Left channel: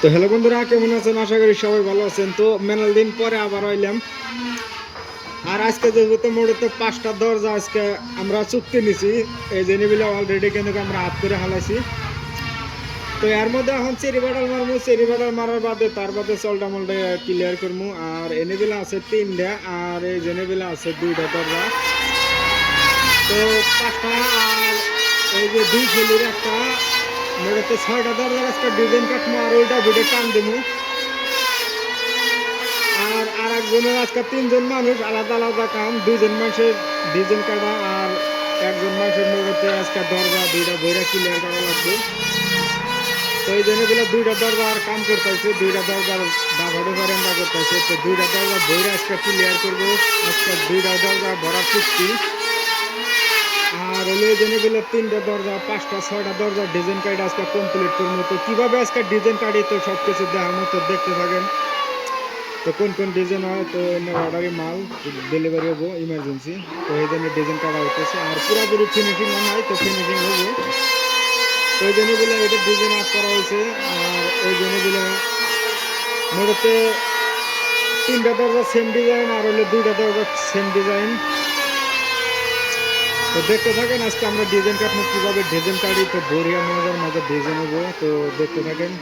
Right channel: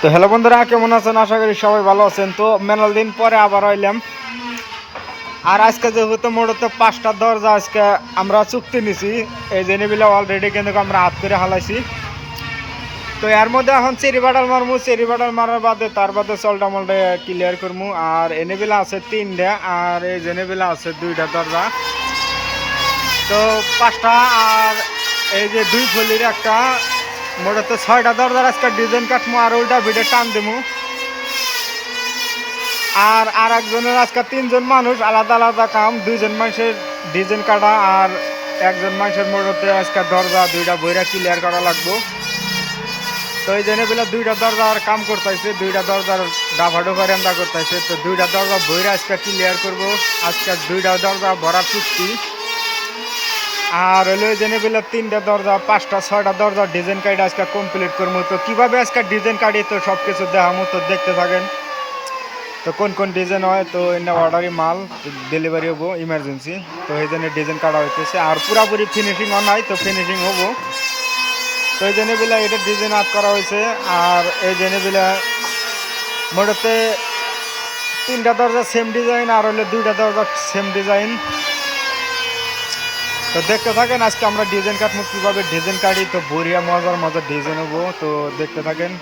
তো হ্যালো বন্ধুরা, কেমন আছেন? আশা করি সবাই ভালো আছেন। তো মেলাল দিন পরে আবার আইলাম। আর আজকে যেহেতু মূলত 5টা দরজা আজকে আমরা চুক্তি নিছি, এই জেনেবিলে অলরেডি কিন্তু আমরা হাত করে হালাইছি। তো এর মধ্যে এখন চেরি বাটাল মারমু, চেরি বাটাল মারার বাদে তার বাদে চলটা মলটা ক্লিয়ার করবো। আর এনেবিলা আছে 3টা, আর এই জেনেবিলা আছে 2টা দরজা। তো 5টা আর এই যে 2 ফলির একটা, মূলত 6টা দরজার আজকে ডিজাইন কাটমু আর উল্টা ভিডিও টান দেবো। আর একজনের আজকে 3জন মানুষ, আলাদা আলাদা কাম। 2জন মানুষের ডিজাইন কাটা আর একজন মানুষের মোড়তে আজকে দরজা 2টা বইরা ক্লিয়ার করা লাগবো। তো এই জন্য বেলা 2টা দরজার কাম করতেছে, 2টা দরজার ডাফা ডোফা রেন্দা করতেছে। তো 2টা দরজা বইরা আজকে ক্লিয়ার করবো। আজকে 2টা দরজা ভরার চুক্তি। আর হলো এই জন্য বেলা 3টা দরজা, 5টা 6টা দরজা ডিজাইন কাটি আজকে কমপ্লিট করবো। তো কীভাবে আজকে ডিজাইন কাটি তো সব কিছু দেখামো, তো দেখতে থাকেন। তো কোন কোন ডিজাইন হয়, তো এনে অর্ডারি মাল ডেলিভারি হবো ইমার্জেন্সি। তো এই জন্য ডিজাইন কাটা হইতেছে আর পুরাপুরি ফিনিশিং নাই, তো ফিনিশিং হবো। তো এই জন্য বেলা এটা ডিজাইন আপ করা হয়েছে। আর এই জন্য বেলা মোটাতে 3টা দরজা সেম ডিজাইন আর হইলে 2টা দরজা সেম ডিজাইন। তো দেখতে থাকেন আজকে আমরা ডিজাইন কাটবো, কীভাবে ডিজাইন কাটি। তো বড়িয়া মজার মজার ডিজাইন হবো, তো দেখতে থাকেন।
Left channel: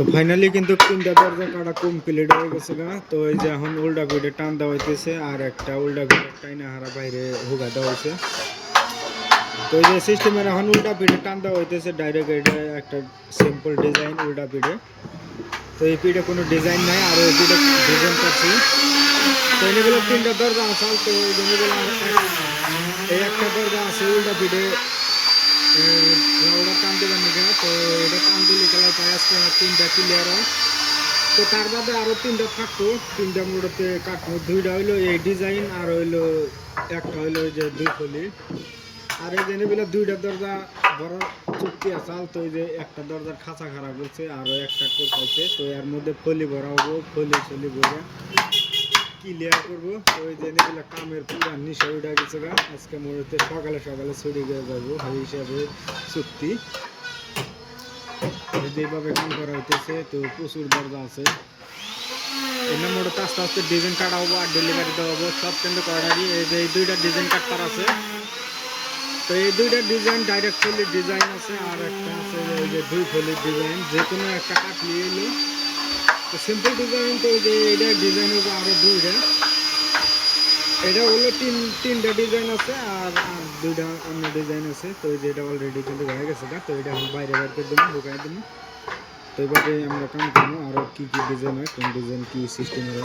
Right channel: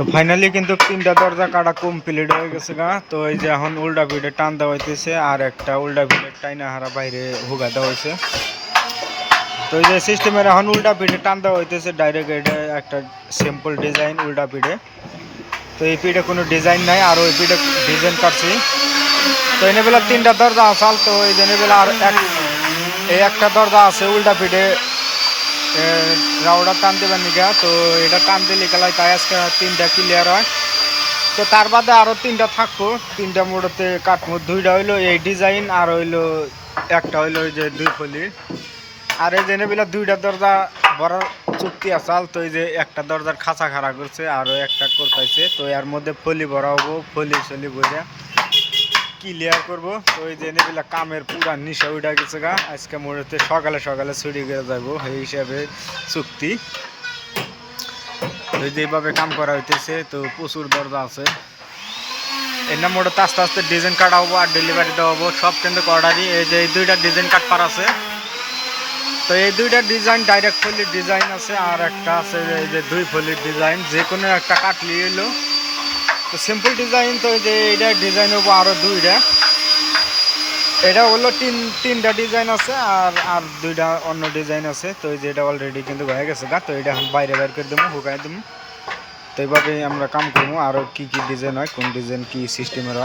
তো ফাইনালি কিন্তু 3টা দরজা কাটা কমপ্লিট হয়ে গেছে গা। তো এই যে এখন উল্টা ভিড়ে টান দেওয়া হইতেছে আর একটা উল্টা ভিড়ে টাইনা হারা বাইরে হুগা দেওয়া হয়েছে। তো এই যে সিস্টেমের এখন উল্টা পিঠে টান দেওয়া হইতেছে ডাইরেক্ট, এটা একটা সিম্পল ডিজাইন উল্টা পিঠে। তো এই পিঠে কোনো ডিজাইন নাই, আর ওই পিঠে ডিজাইন কাটছি। তো এনে বেলা 3টা দরজা আসাল, তো এই জন্য বেলা আর এই একটা দরজা আছে উল্টা পিঠে রাউডা টান দেবার নিকা। তো এটা টান দিলে গেলাই তাই আজকে 3টা ক্লিয়ার হয়। তো তার বাদে আরও 3টা থাকবো, 3টা মোড়তে কাটবো। 2টা হইলো এই ডিজাইন, আর হইলো একটা হইলো ওই যে 2 ফলির। আর এই জেনে বেলা 2টা দরজা বড় চুক্তি আসাল। তো এই যে একটা দরজার খাঁচা খাড়া করছে, আরও একটা করতেছে। তো এর মধ্যে ফলি ভরা হবো, ফলি বইরা ক্লিয়ার করবো। তো এই জেনে বেলা কামের পুরা নিশা উঠা গেছে গা। আজকে মোড়তে সকালে সকালে ছুটি করে যাবো, এই হিসাবে চুক্তি। ওই যেভাবে কাম করা হইতেছে, তো প্রচুর দরজা আছে। এর নাম মোড়তে আস্তে আস্তে ডিজাইন কাটা হবো আর ডেলিভারি দেওয়া হবো সব, কিন্তু অর্ডারই। এই যে এই 2টা ডিজাইন কাট পার আছে। তো এই 2টা ডিজাইন ডাইরেক্ট ফলির ডিজাইন আছে, আর একটা আছে এই যে 2 ফলির ডিজাইন, যে কোনো একটা কাটলি এলো। তো সিম্পল ডিজাইন, তো এই যে এইটা ডিজাইন হবো আরও 2টা। এটা হলো 3টা ডিজাইন আছে, আর 2টা অন্য ডিজাইন আছে। তো এই যে এটা অলরেডি কিন্তু হয়ে গেছে গা। তো এটা এখন বাইরে বাইর করে দেবো, হুকাই দেবো। তো এইভাবে আমরা কাম করবো। আরও কি ডিজাইন হয়, কোন ডিজাইন কি সিস্টেমের হয়।